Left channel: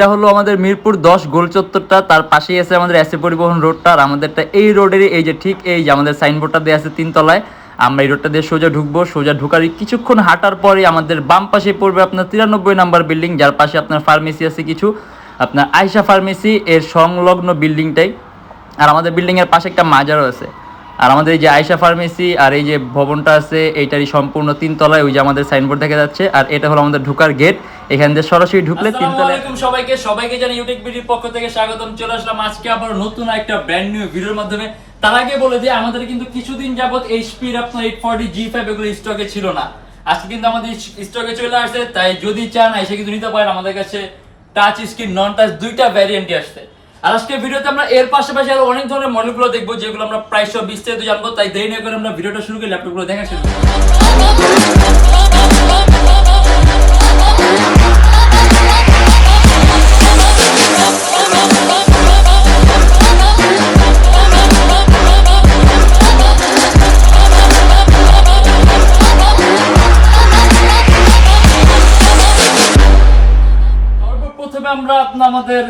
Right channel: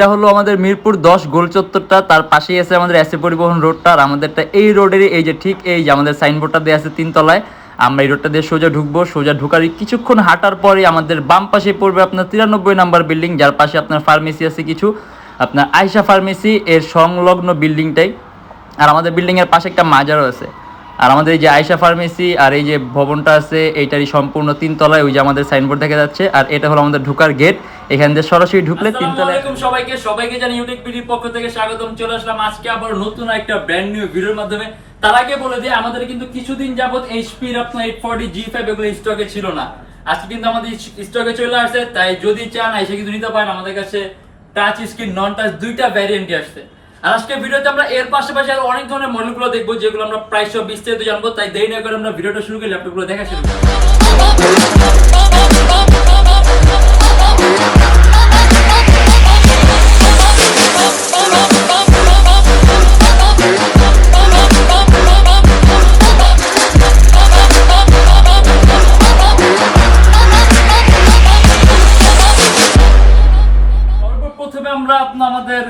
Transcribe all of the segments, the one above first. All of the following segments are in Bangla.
এটা হলো আমাদের মিরপুর 10 গোল চত্বরটা, তার পাশেই আছে আমাদের এসএ পরিবহন রোডটা। আর আমাদেরটা এই রোডেরই এই যে ঠিক এই যে আমাদের সাইনবোর্ডটা দেওয়া আছে 3 তলায়। আমরা এই রোডটা দিয়ে সোজা ঢুকবো, সোজা ঢুকার কিছুক্ষণ হাঁটার পরে আমাদের বাম পাশে পড়বে আপনার 93 নাম্বার বিল্ডিং, যার পাশে আপনার ফার্মেসি আছে কিছু, আপনার আয়শা ফার্মেসি এর সংলগ্ন বিল্ডিংটাই। আর আমাদের বিল্ডিংয়ের পাশে একটা মাজারও আছে। আর আমাদের এই যে আয়শা ফার্মেসি আর এই যে ভবনটা আছে এইটারই সম্পূর্ণ 3 তলায়, ওই যে আমাদের সাইনবোর্ড দেখা যাচ্ছে। আর এটা হলো আমাদের ঢোকার গেট, এখান দিয়ে সরাসরি ঢুকলে 3 তলায়। সবাইকে জানি ইউটিউববিডির পক্ষ থেকে স্বাগতম। চলে আসলাম আজকে আবার নতুন একটা ব্র্যান্ড নিউ ভিডিওর মাধ্যমে। তার আগে বলে যে আমাদের কিন্তু কিছুদিন যাবত এইচপির আপনার 840 G5 এগুলো স্টকে ছিল না, আজকে কিন্তু আমাদের স্টকে চলে আসছে। তাই যদি চান এসে কিন্তু নিতে পারেন। আমাদের কাছে টাচ স্ক্রিন, নন টাচ দুইটা ভ্যারিয়েন্টই আসছে। আর আজকে ভিডিওতে আমরা এর পাশাপাশি আরো অনেক ধরনের মডেলগুলো দেখবো, যেগুলো আমরা প্রাইস সব বিস্তারিত জানবো। তাই দেরি না করে আমরা ভিডিওটা শুরু করি, ল্যাপটপগুলো দেখা শুরু করি। প্রথমে আমরা আমাদের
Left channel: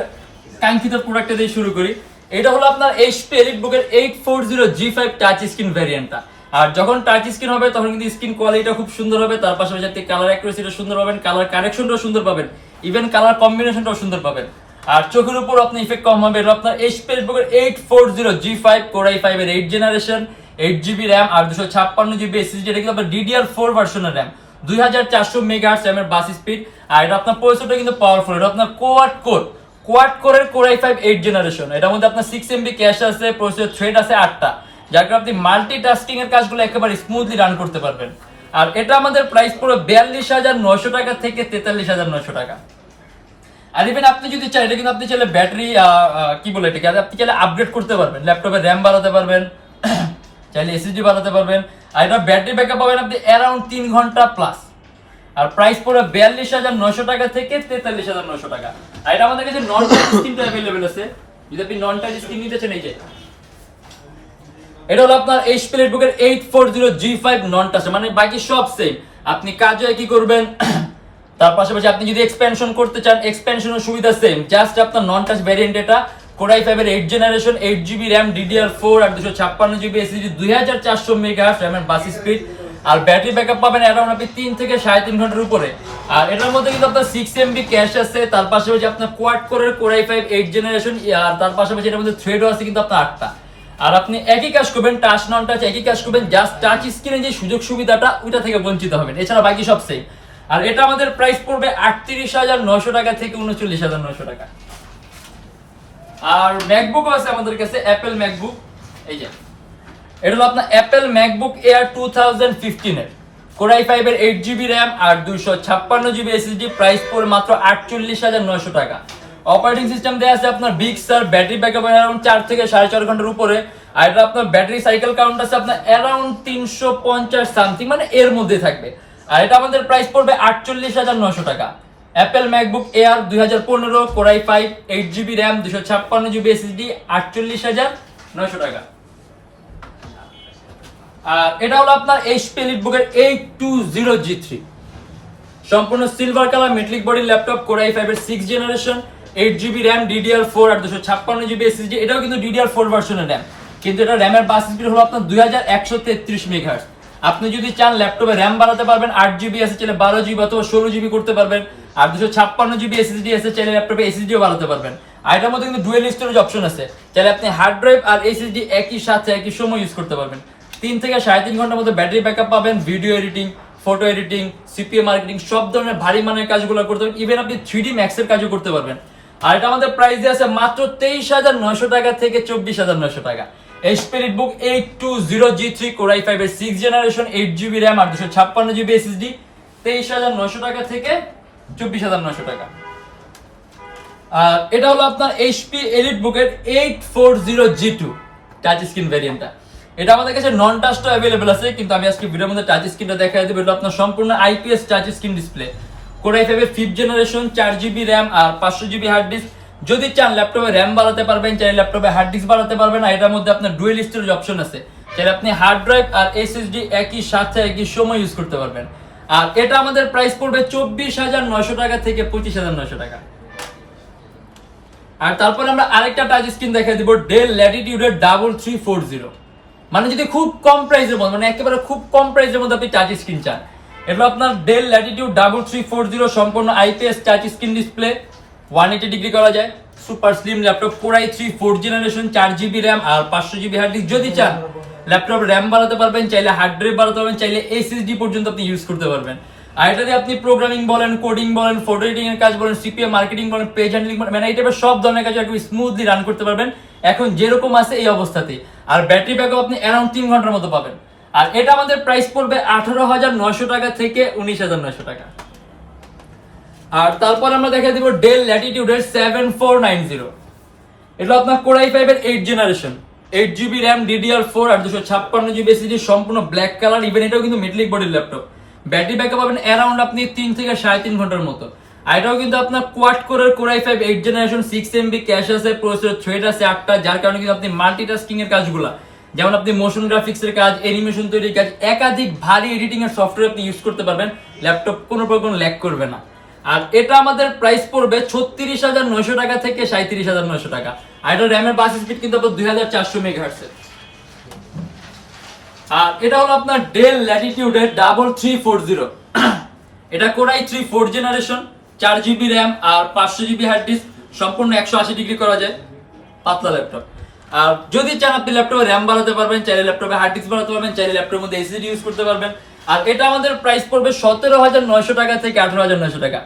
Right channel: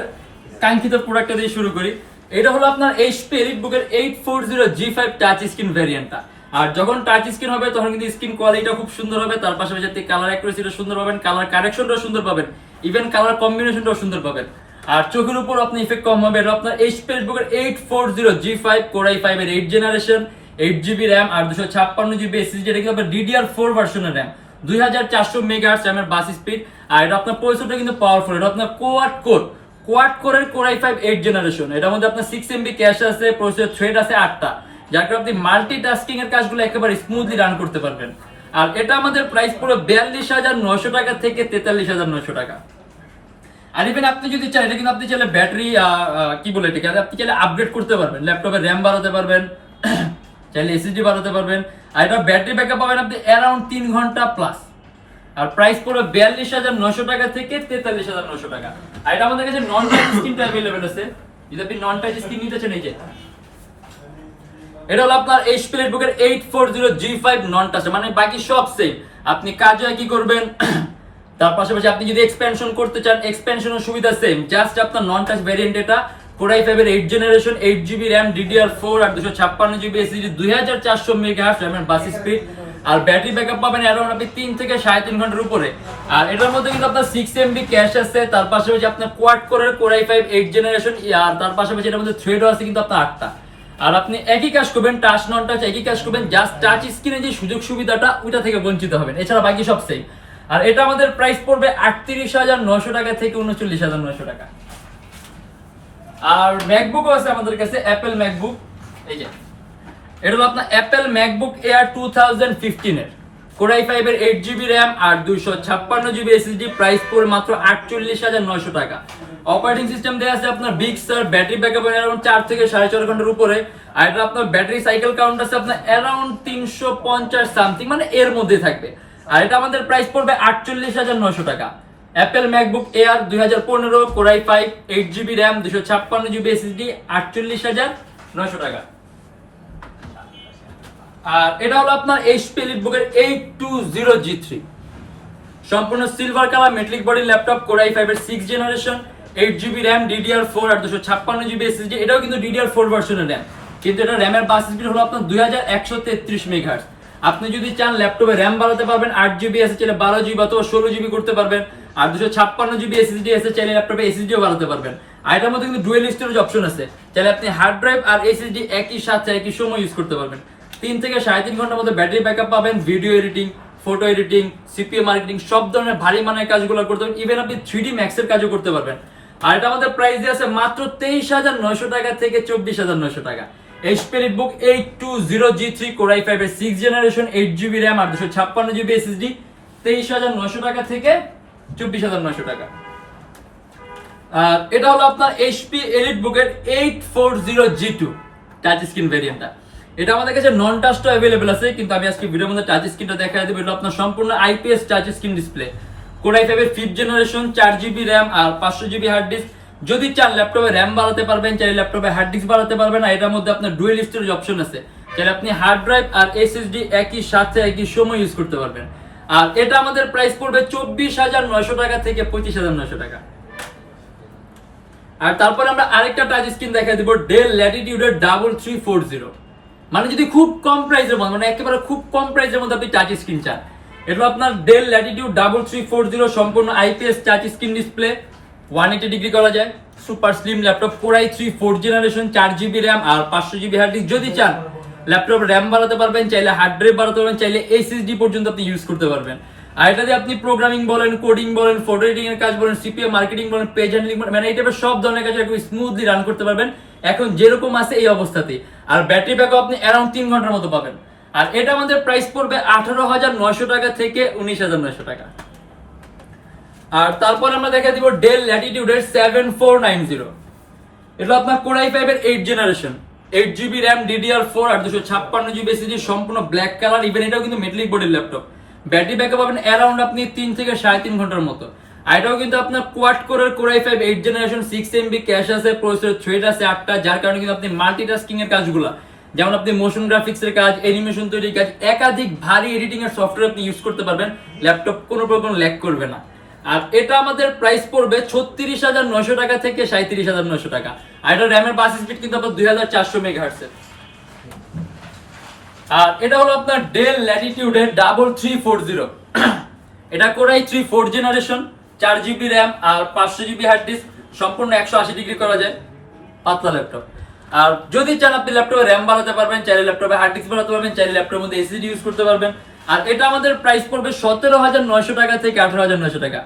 কাঙ্ক্ষিত প্রোডাক্টটা দিয়ে শুরু করি। এটা হলো আপনার এইচপি এলিটবুকের 840 G5 টাচ স্ক্রিন ভ্যারিয়েন্টটা। আর যখন টাচ স্ক্রিন হবে তখন কিন্তু স্ক্রিন কোয়ালিটিটা খুব সুন্দর হবে, তার পাশাপাশি আপনি কালার অ্যাকুরেসিটা সুন্দর পাবেন, কালার কারেকশনটাও সুন্দর পাবেন, ইভেন কালার কম্বিনেশনটাও সুন্দর পাবেন। আর চোখের উপর আপনি ইফেক্ট কম হবে। এটা আপনার এইচপি এলিটবুকের 840 G5 Core i5 এর 8 জেনারেশন, 8GB RAM আর 256GB SSD। এটা কিন্তু আপনার DDR4 ভার্সনের RAM, 2400 মেগাহার্টজ RAM এর বাস স্পিড। আর এটা আপনার প্রসেসরটা কিন্তু পাওয়ারফুল, এটা আপনার কোয়াড কোরের Core i5 8 জেনারেশন। এটার মধ্যে আপনার 6MB ক্যাশ আছে, প্রসেসর থ্রেড আছে 8টা, যার কারণে আপনি মাল্টিটাস্কিং এর কাজগুলো একেবারে স্মুথলি রান করতে পারবেন। আর এটা আমাদের প্রাইস পুরো 42,900 টাকা থেকে 43,900 টাকা। আর ইভেন আপনি যদি চান, এটা কিন্তু আপনি চাইলে ব্যাটারি কি বলে এটাকে, আপনি চাইলে আপগ্রেড করতে পারবেন, ল্যাপটপের র্যাম বাড়াতে পারবেন, চাইলে এসএসডি বাড়াতে পারবেন। আর এটা ব্যাটারি ব্যাকআপ পাবেন আপনি অ্যারাউন্ড 3 ঘন্টা প্লাস। আর প্রাইস পুরো 42,900 টাকা থেকে 43,900 টাকা। আর এটা আমাদের কাছে নন টাচ স্ক্রিনটা अवेलेबल আছে, যদি আপনি নন টাচ স্ক্রিন নিতে চান। এই যে এটা হলো আপনার এইচপি এলিটবুকের 840 G5 নন টাচ, মানে বাকি সব সেম। আপনি কাজও একই করবেন, তার পাশাপাশি আপনি যদি এক্সপেনশন করতে চান এক্সপেনশনের সুবিধা সেম, জাস্ট আপনার নন টাচ ভ্যারিয়েন্ট। এটা Core i5 এর 8 জেনারেশন, 8GB RAM, DDR4 আর 256GB SSD, 2400 মেগাহার্টজ RAM এর বাস স্পিড। আর ব্যাটারি ব্যাকআপ পাবেন অ্যারাউন্ড আপনি 3 থেকে 3.5 ঘন্টার উপরে। আর এটার মধ্যে কিন্তু আপনার 6MB ক্যাশ আছে, তার পাশাপাশি আপনার কোয়াড কোরের Core i5 8 জেনারেশন, আর তার পাশাপাশি এটার মধ্যে থ্রেডও আছে কিন্তু আপনার 8টা। আর আপনি একই কাজ করবেন, টাচ নন টাচ একই কাজ করবেন, জাস্ট টাচ স্ক্রিনে যে সুযোগ সুবিধাটা ওইটা থেকে বঞ্চিত হবেন, এছাড়া বাকি সব সেম। আর এটা আমাদের প্রাইস পড়বে 38,900 টাকা থেকে 39,900 টাকা। আর ম্যাকবুকও আছে আমাদের কাছে, অ্যাপেল ম্যাকবুক। এই যে এটা হলো আপনার অ্যাপেল ম্যাকবুক এয়ার 2015 এর Core i5 এর 8GB RAM আর 256GB SSD, প্রাইস পড়ে মাত্র 48,900 টাকা। অপারেটিং সিস্টেম দেয়া আছে আপনার big star, battery backup around 4 থেকে 4.5 ঘন্টার উপরে। আর এটা আপনার ব্যাটারি সাইকেল কাউন্ট আছে আপনার অ্যারাউন্ড 350 সামথিং, মানে এর মধ্যে থাকবে। আর এটা আমাদের প্রাইস পড়বে 48,900 টাকা। Apple MacBook air 2015 Core i5 8GB RAM 256GB SSD, 48,900 টাকা। আর এটা হলো আপনার এইচপি এলিটবুকের 820 G3 সম্পূর্ণ silver colour metallic body laptop, Core i5 এর 6 জেনারেশন, 8GB RAM, DDR4 আর 256GB SSD। এটাও কিন্তু DDR4 ভার্সনের RAM, কিন্তু এটা RAM এর বাস স্পিড হলো আপনার 2133 মেগাহার্টজ। আপনি যদি চান ল্যাপটপে RAM বাড়াতে পারবেন, 8GB আছে চাইলে 12GB অথবা 16GB করতে পারবেন। আর 256GB SSD আছে চাইলে ল্যাপটপে SSDও বাড়াতে পারবেন। আর এটার মধ্যে কিন্তু ডুয়াল স্টোরেজ অপশন আছে, চাইলে আপনি হার্ড ড্রাইভ আর SSD একই সাথে একই সময় ইউজ করতে পারবেন। 3 থেকে 3.5 ঘন্টার মধ্যে ব্যাটারি ব্যাকআপ পাবেন, video editing, photo editing, CPA marketing সব ধরনের ভারী মানের কাজগুলো করতে পারবেন, ইভেন আপনি 3D Max এর কাজও করতে পারবেন। আর এটা আমাদের প্রাইস দিয়ে আছে মাত্র 23,900 টাকা থেকে 24,900 টাকা। HP EliteBook 820 G3 Core i5 এর 6 জেনারেশন, 8GB RAM আর 256GB SSD, 23,900 টাকা থেকে 24,900 টাকা। আর এটা হলো আপনার এইচপি এলিটবুকের 840 G2 টাচ স্ক্রিন ভ্যারিয়েন্টটা। এটা আমাদের কাছে নন টাচটা अवेलेबल আছে, কিন্তু আমি আজকে ভিডিওর মধ্যে টাচ স্ক্রিনটা দেখাই দেব। এটা আপনার সম্পূর্ণ IPS touch screen display, Core i5 এর 5th জেনারেশন, 4GB RAM আর 500GB হার্ড ডিস্ক। যদি চান ল্যাপটপে RAM বাড়াতে পারবেন, চাইলে ল্যাপটপে হার্ড ডিস্ক বাড়াতে পারবেন। আর এটার মধ্যে আপনার ডুয়াল স্টোরেজ অপশন আছে, চাইলে আপনি হার্ড ড্রাইভ আর এসএসডি একই সাথে একই সময় ইউজ করতে পারবেন। আর এটা আমাদের প্রাইস পড়বে 24,900 টাকা থেকে 25,900 টাকা। আর তারপরে আমরা আরেকটা টাচ স্ক্রিন দেখাই দিব ডেল ল্যাটিটিউডের 3340, মানে যদি খুব কম প্রাইসের মধ্যে, মানে একেবারে খুব কম প্রাইসের মধ্যে আপনি টাচ স্ক্রিন চান, এটা আপনার ডেল ল্যাটিটিউড 3340 সম্পূর্ণ IPS touch screen display, 180 degree করা যায়, super slim laptop, core i3 4th generation, 4GB RAM আর 500GB হার্ড ডিস্ক। যদি চান ল্যাপটপ র্যাম বাড়াতে পারবেন, চাইলে হার্ড ড্রাইভ বাড়াতে পারবেন, চাইলে এসএসডি পর্যন্ত আপনি ইউজ করতে পারবেন। আর এটা দিয়ে আপনি প্রোগ্রামিং বলেন, কোডিং বলেন, ফটো এডিটিং এর কাজ বলেন, সিপিএ মার্কেটিং বলেন, পেজ হ্যান্ডলিং বলেন, মানে এই টাইপের সব ধরনের কাজ একদম স্মুথলি রান করতে পারবেন এখন যেরকম আছে এই অবস্থাতেই। আর ব্যাটারি ব্যাকআপ আপনি অ্যারাউন্ড 3 ঘন্টার মতো পাবেন। আর এটা আমাদের প্রাইস পড়বে 18,900 টাকা থেকে 19,900 টাকা। আর তারপর আমরা দেখা দিব ডেল ল্যাটিটিউডের 7490, এটা আপনার কোর i5 এর 8th generation, 8GB RAM, DDR4 আর 256GB SSD, সম্পূর্ণ ব্ল্যাক কালার। ইভেন এটাও কিন্তু মেটালিক বডির ল্যাপটপ। ব্যাটারি ব্যাকআপ পাবেন অ্যারাউন্ড আপনি 3 থেকে 3.5 ঘন্টার মতো। আর এটাও কিন্তু আপনার কোয়াড কোরের core i5 8th generation, 6MB cash আছে, প্রসেসর থ্রেড আছে 8টা, যার কারণে কিন্তু আপনি মাল্টিটাস্কিং এর কাজগুলা, যেমন আপনি মোশন গ্রাফিক্স এর কাজ, অ্যানিমেশন তৈরির কাজ, একাধিক ভারী এডিটিং এর সফটওয়্যার আপনি ইউজ করতে পারবেন, ল্যাপটপ কোনো প্রকার ল্যাগ করবে না। আর এটা আমাদের প্রাইস পড়বে 36,900 টাকা থেকে 37,900 টাকা। আর এটা র্যামের বাস স্পিড কিন্তু আপনার 2400 মেগাহার্টজ এর। আর এটা হলো আপনার ডেল ল্যাটিটিউডের 3340, এটা core i3 4th generation, 4GB RAM আর 500GB হার্ড ডিস্ক, সম্পূর্ণ 180 ডিগ্রি করা যায়, পাতলা ল্যাপটপ। আর যদি চান আপনি ল্যাপটপে র্যাম বাড়াতে পারবেন, চাইলে ল্যাপটপে হার্ড ডিস্ক বাড়াতে পারবেন, চাইলে ল্যাপটপের মধ্যে এসএসডি ইউজ করতে পারবেন। আর এটা আমাদের প্রাইস পড়বে 17,900 টাকা থেকে 18,900 টাকা।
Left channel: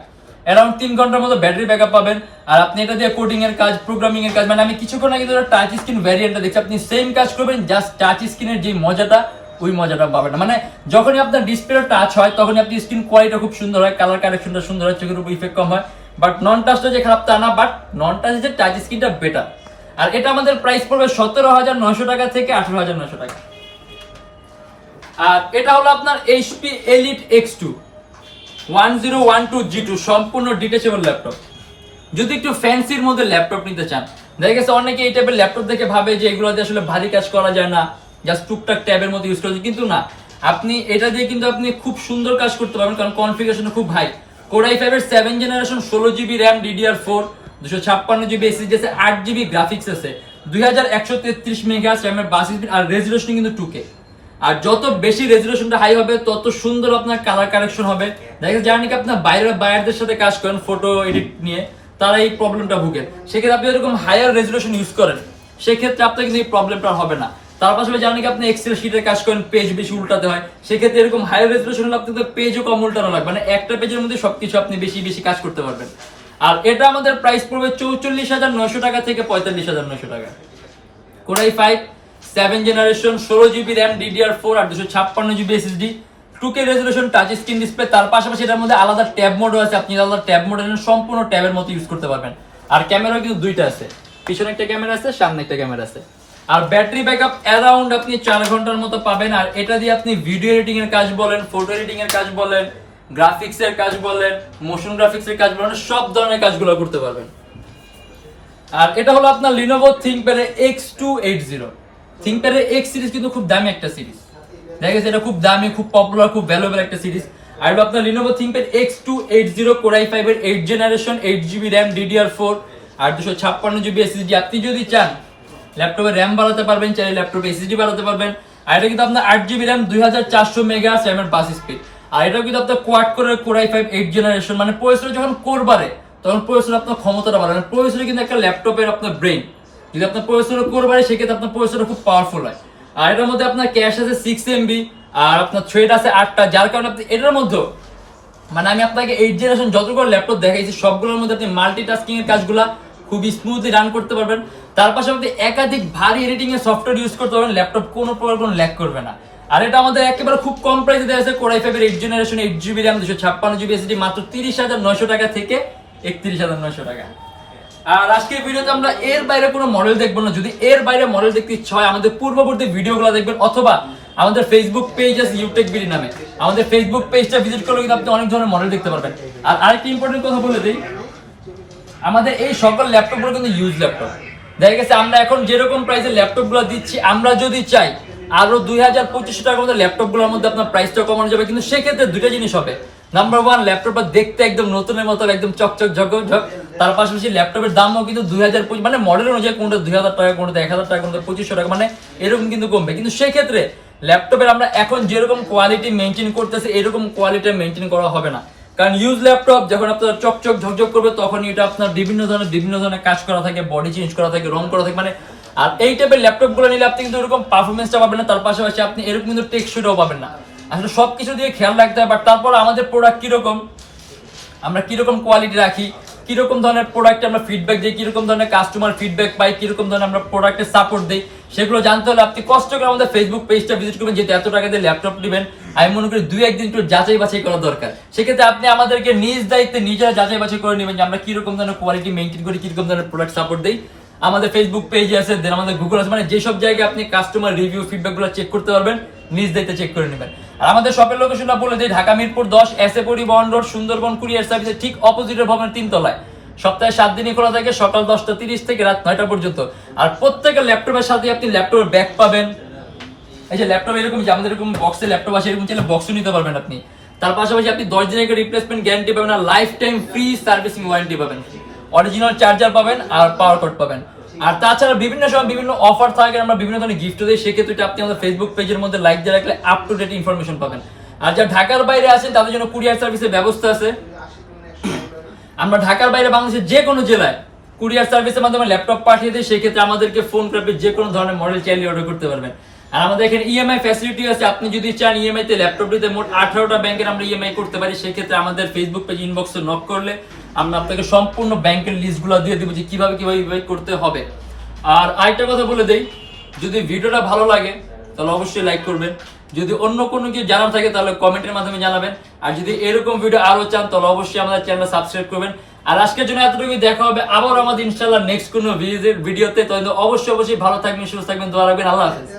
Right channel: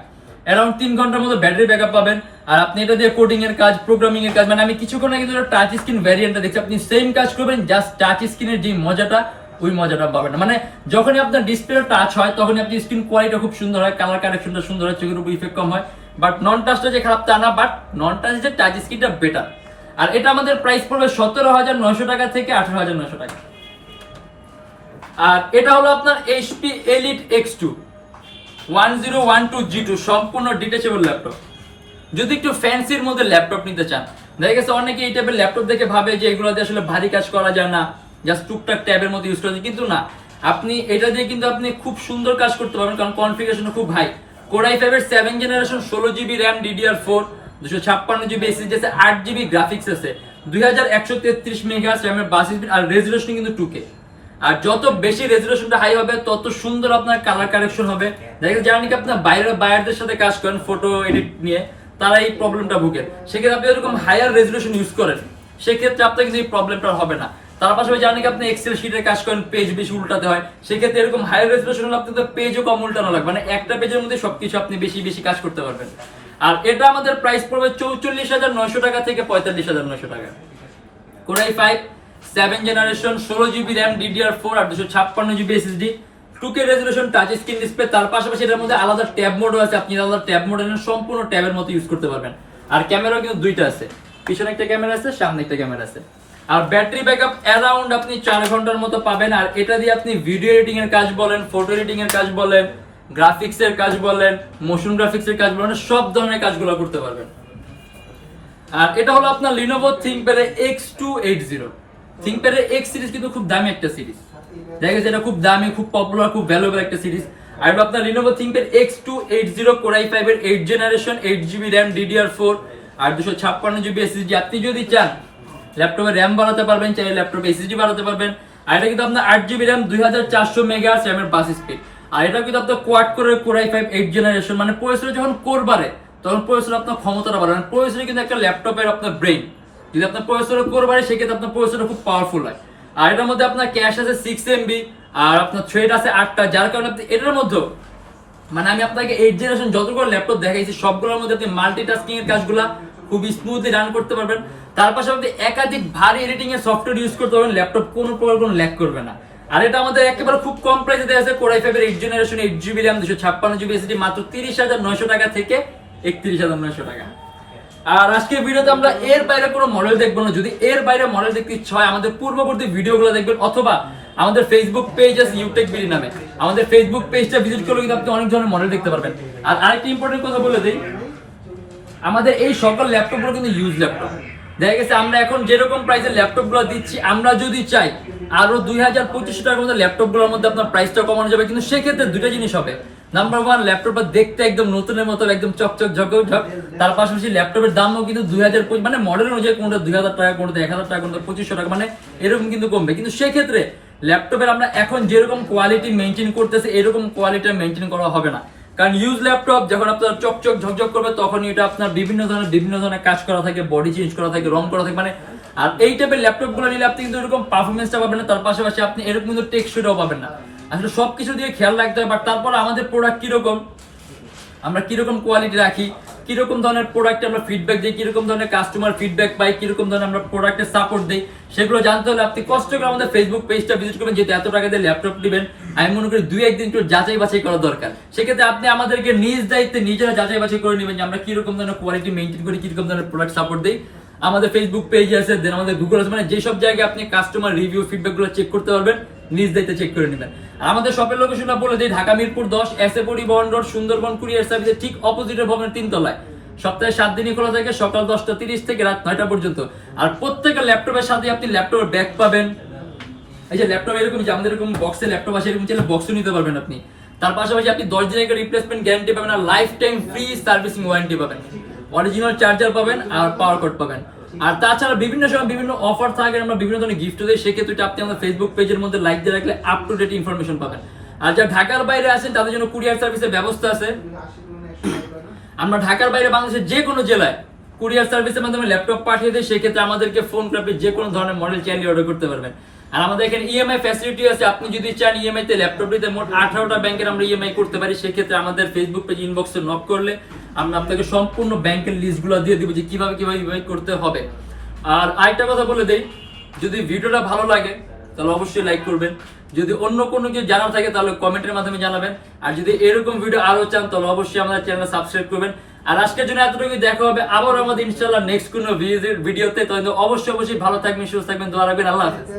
অ্যারাউন্ড 3 ঘন্টার মতো ব্যাটারি ব্যাকআপ পাবেন। আর আপনি এটা দিয়ে কোডিং এর কাজ, প্রোগ্রামিং এর কাজ, মানে আমি কিছুক্ষণ আগে কিন্তু টাচ স্ক্রিন ভ্যারিয়েন্টটা দেখছি, আপনি সেম কাজ করবেন, জাস্ট টাচ স্ক্রিনের যে মজাটা ওই মজাটা পাবেন না। মানে যখনই আপনার ডিসপ্লে টাচ হয় তখনই আপনি স্ক্রিন কোয়ালিটি খুব সুন্দর হয়, কালার কারেকশনটা সুন্দর হয়, চোখের উপর ইফেক্ট কম হয়। বাট নন টাচটা যে খারাপ তা না, বাট নন টাচ যে টাচ স্ক্রিনটা বেটার। আর এটা আমাদের প্রাইস পড়বে 17,900 টাকা থেকে 18,900 টাকা। আর এটা হলো আপনার HP Elite X2 1012G2, সম্পূর্ণ ডিটেচেবল ল্যাপটপ। যদি একটু ফ্যান্সির মধ্যে ল্যাপটপ নিতে চান, দেখা গেছে অনেকে এই টাইপের ল্যাপটপ দেখে ভাবে যে এগুলো দিয়ে আসলে ভারী কাজ করা যায় না, জাস্ট টুকটাক ট্যাবের মধ্যে ইউজ করা যায়, কিন্তু না, আপনি এটা দিয়ে কিন্তু আপনি খুব সুন্দর কাজ করতে পারবেন, কারণ কনফিগারেশন খুব হাই। কোর i5 এর 7th generation, 16GB RAM, DDR4, 256GB SSD আছে, 8GB গ্রাফিক্স আছে, 2133 মেগাহার্টজ র্যামের বাস স্পিড, আর রেজোলিউশন কিন্তু 2K। আর যত বেশি রেজোলিউশনটা হাই হবে তত সুন্দর আপনার কালার কারেকশন হবে। দেখা যায় নাকি আপনার বাইরের সাথে কাজ করেন ফটো এডিট নিয়ে, তারা এই প্রবলেমটা ভুগেন। সেক্ষেত্রে আপনি এরকম হায়ার রেজোলিউশন ইউজ করেন, সেক্ষেত্রে আপনার কিন্তু এই প্রবলেমটা হবে না। তার পাশাপাশি জানেন কি আপনি এক্সেল শিটের কাজ করেন, পেজ বেশি উল্টাতে হয়, সেক্ষেত্রে এরকম হায়ার রেজোলিউশন হলে আপনাদের পেজও কম উল্টানো লাগবে, মানে একটা পেজের মধ্যে সবকিছু আপনি বেশি বেশি কাজ করতে পারবেন। আর এটা আমাদের প্রাইস পড়বে 44,900 টাকা থেকে 45,900 টাকা। Core i5 7th generation, 16GB RAM, DDR4 আর 256GB SSD, 2K resolution, touch screen display. তার পাশাপাশি এটার মধ্যে আলাদা ট্যাব মোডও আছে, আপনি আলাদা ট্যাব মোড সম্পূর্ণ ট্যাবের মতো ইউজ করতে পারবেন। আর ক্যামেরাও কিন্তু দুইটা আছে, পিছনে একটা ক্যামেরা আছে, সামনে একটা ক্যামেরা আছে। আর ব্যাটারি ব্যাকআপ অ্যারাউন্ড আপনি 4 ঘন্টার মতো পাবেন। আর এটা দিয়ে আপনি ভিডিও এডিটিং এর কাজ বলেন, ফটো এডিটিং এর কাজ বলেন, গ্রাফিক্স এর কাজ বলেন, মোশন গ্রাফিক্স এর কাজ বলেন, সব ধরনের কাজগুলো করতে পারবেন। আর এটা হলো আপনার Lenovo ThinkPad X280। ThinkPad X series কিন্তু খুব দামি একটা সিরিজ, দেখা গেছে এটা খুব দামি, খুব পপুলার, খুব ভ্যালুয়েবল একটা সিরিজ। আর আপনার Lenovo ThinkPad X280 core i5 এর 8th generation, 8GB RAM, DDR4 আর 256GB SSD। আপনি যদি চান ল্যাপটপে র্যাম বাড়াতে পারবেন, চাইলে ল্যাপটপে এসএসডি বাড়াতে পারবেন। আর এটা কিন্তু আপনার 8GB র্যাম, 2400 মেগাহার্টজ র্যামের বাস স্পিড। আর এটা কিন্তু আপনার কোয়াড কোরের কোর i5 8th জেনারেশন, মানে প্রসেসর যখন কোর বাড়ে তখন প্রসেসর আপনার ক্ষমতাটা বাড়ে, মানে প্রসেসর কিন্তু একটা ল্যাপটপের আপনার ব্রেন। যদি আপনার প্রসেসর কোর বাড়ে সেক্ষেত্রে আপনার প্রসেসর খুব পাওয়ারফুল হয়। আর এটার মধ্যে আপনার ক্যাশ আছে 6MB আর আপনার থ্রেড আছে 8টা, যার কারণে আপনি এটার মধ্যে, মানে আমি আপনাকে 8th জেনারেশন যতগুলো ল্যাপটপ দেখাইছি সবগুলোর মধ্যে আপনি মাল্টিটাস্কিং এর কাজগুলা খুবই স্মুথলি রান করতে পারবেন। তার পাশাপাশি একাধিক ভারী এডিটিং এর সফটওয়্যার ইউজ করতে পারবেন, ল্যাপটপ কোনো প্রকার কোনো ল্যাগ করবে না। আর এটা আমাদের একেবারে খুব কম প্রাইসে দেওয়া আছে, কোর i5 এর 8th generation, 8GB RAM, 256GB SSD, মাত্র 30,900 টাকা থেকে 31,900 টাকা। আর আজকের ভিডিওতে আমরা এর বাইরে কোনো মডেল দেখবো না। যদি এর বাইরে মডেল দেখতে ইচ্ছা হয় আমাদের পূর্ববর্তী ভিডিওগুলো দেখবেন, অথবা আমাদের ফেসবুক পেজ আছে Youtechbd নামে, আমাদের ফেসবুক পেজটা ভিজিট করলে কিন্তু আপনি অনেক ধরনের মডেল দেখতে পারবেন। আর আরেকটা ইম্পর্টেন্ট কথা বলে দিই, আমাদের এই সকল ল্যাপটপগুলো কিন্তু ইউজ ল্যাপটপ। দেখা গেছে আমরা এখন যেরকম প্রাইসের ল্যাপটপগুলো দিচ্ছি, আমরা যদি চাই আরো 2,000-2,500 টাকার মধ্যে ল্যাপটপগুলোর মধ্যে আপনার প্রাইসটা কমানো যাবে, কিন্তু সেক্ষেত্রে দুইটা জিনিস হবে, নাম্বার 1, ল্যাপটপটা দেখতে একদম নতুনের মতো, একদম চকচক ঝকঝক। তার পাশাপাশি ল্যাপটপের দামও কিন্তু 2000 মানে মডেল অনুযায়ী কোনটা 2000 টাকা, কোনটা 1000 টাকা, কোনটা 2500 টাকা, মানে এরকম কিন্তু কমবে। কিন্তু সেক্ষেত্রে ল্যাপটপের আমরা এখন যেরকম কোয়ালিটি মেনটেন করতেছে এরকম কোয়ালিটি মেনটেন করা হবে না। কারণ ইউজ ল্যাপটপ যখন আপনার চকচক ঝকঝক করবে তখন এটা আপনার বিভিন্ন ধরনের কাজ করা থাকে, বডি চেঞ্জ করা থাকে, রং করা থাকে, মানে আর এই টাইপের ল্যাপটপ গুলো নিলে আপনি কিন্তু এরকম পারফরমেন্সটা পাবেন না, তার পাশাপাশি আপনি এরকম কিন্তু টেকসইটাও পাবেন না। আসলে সবকিছু দিয়ে খেয়াল রাখতে হয়। বাট তারপর আমাদের প্রোডাক্ট কিরকম, আমরা কিরকম কোয়ালিটি রাখি, কিরকম ধরনের প্রোডাক্ট আমরা ফিডব্যাক দিই, কিরকম ধরনের কাস্টমার ফিডব্যাক পাই, কিরকম ধরনের আমরা প্রোডাক্টের সাপোর্ট দিই, সেগুলো জানতে হলে আপনি কষ্ট করে আমাদের ফেসবুক পেজটা ভিজিট করবেন। যেহেতু এত টাকা দিয়ে ল্যাপটপ নেবেন, আমি মনে করি 2-1 দিন একটু যাচাই বাছাই করা দরকার। সেক্ষেত্রে আপনি আমাদেরকে নিজ দায়িত্বে নিজেরা যাচাই বাছাই করে নেবেন যে আমরা কিরকম ধরনের কোয়ালিটি মেনটেন করি, কিরকম ধরনের প্রোডাক্ট সাপোর্ট দিই। আমাদের ফেসবুক পেজ আছে, দেন আমাদের গুগল আছে, মানে যেসব জায়গায় আপনি কাস্টমার রিভিউ ফিডব্যাক গুলো চেক করতে পারবেন, নিজ দায়িত্বে চেক করে নেবেন। আর আমাদের শপের লোকেশনটা বলে দিই, ঢাকা মিরপুর 10 এসএ পরিবহন রোড, সুন্দরবন কুরিয়ার সার্ভিসের ঠিক অপোজিটের ভবনের 3 তলায়। সপ্তাহে 7 দিনই খোলা থাকে, সকাল 10টা 30 থেকে রাত 9টা পর্যন্ত। আর প্রত্যেকটা ল্যাপটপের সাথে আপনি ল্যাপটপের ব্যাগ পাবেন। এই যে ল্যাপটপ এরকম, যে আমাদের এরকম বক্সে ল্যাপটপ আসে, এরকম চাইলে বক্সও নিতে পারবেন আপনি। তার পাশাপাশি আপনি 10 দিনের রিপ্লেসমেন্ট গ্যারান্টি পাবেন, আর life time free servicing warranty পাবেন, অরিজিনাল চার্জার পাবেন, আর পাওয়ার কোড পাবেন। আর তাছাড়া বিভিন্ন সময় বিভিন্ন অফার থাকে, আমরা বিভিন্ন ধরনের গিফট দিই। সেক্ষেত্রে আপনি আমাদের ফেসবুক পেজের মধ্যে লাইক দিয়ে রাখলে আপ টু ডেট ইনফরমেশন পাবেন। আর যারা ঢাকার বাইরে আছেন তাদের জন্য কুরিয়ার সার্ভিসের ব্যবস্থা আছে। আমরা ঢাকার বাইরে বাংলাদেশের যে কোনো জেলায় কুরিয়ার সার্ভিসের মাধ্যমে ল্যাপটপ পাঠিয়ে দিই। সেক্ষেত্রে আমাদেরকে ফোন করে যে কোনো ধরনের মডেল চাইলে অর্ডার করতে পারবেন। আর আমাদের এখানে ইএমআই ফ্যাসিলিটি আছে, আপনি যদি চান ইএমআই তে ল্যাপটপ নিতে মোট 18টা ব্যাংকের আমরা ইএমআই করতে পারি। সেক্ষেত্রে আমাদের ফেসবুক পেজ ইনবক্সে নক করলে আমরা আপনাকে সম্পূর্ণ ব্যাংকের লিস্টগুলো দিয়ে দিব যে কিভাবে করতে হবে। আর আরেকটা কথা বলে দেই, যদি ভিডিওটা ভালো লাগে তাহলে অবশ্যই লাইক করবেন। যদি অন্য কোনো কিছু জানার থাকে তাহলে কমেন্টের মাধ্যমে জানাবেন। আর যদি এরকম ভিডিও আরো চান তাহলে অবশ্যই আমাদের চ্যানেল সাবস্ক্রাইব করবেন। আর আজকের জন্য এতটুকুই, দেখা হবে আবার আমাদের ইনশাআল্লাহ নেক্সট কোনো ভিডিওতে। তো অবশ্যই ভালো থাকবেন, সুস্থ থাকবেন, দোয়া রাখবেন। আল্লাহ হাফেজ।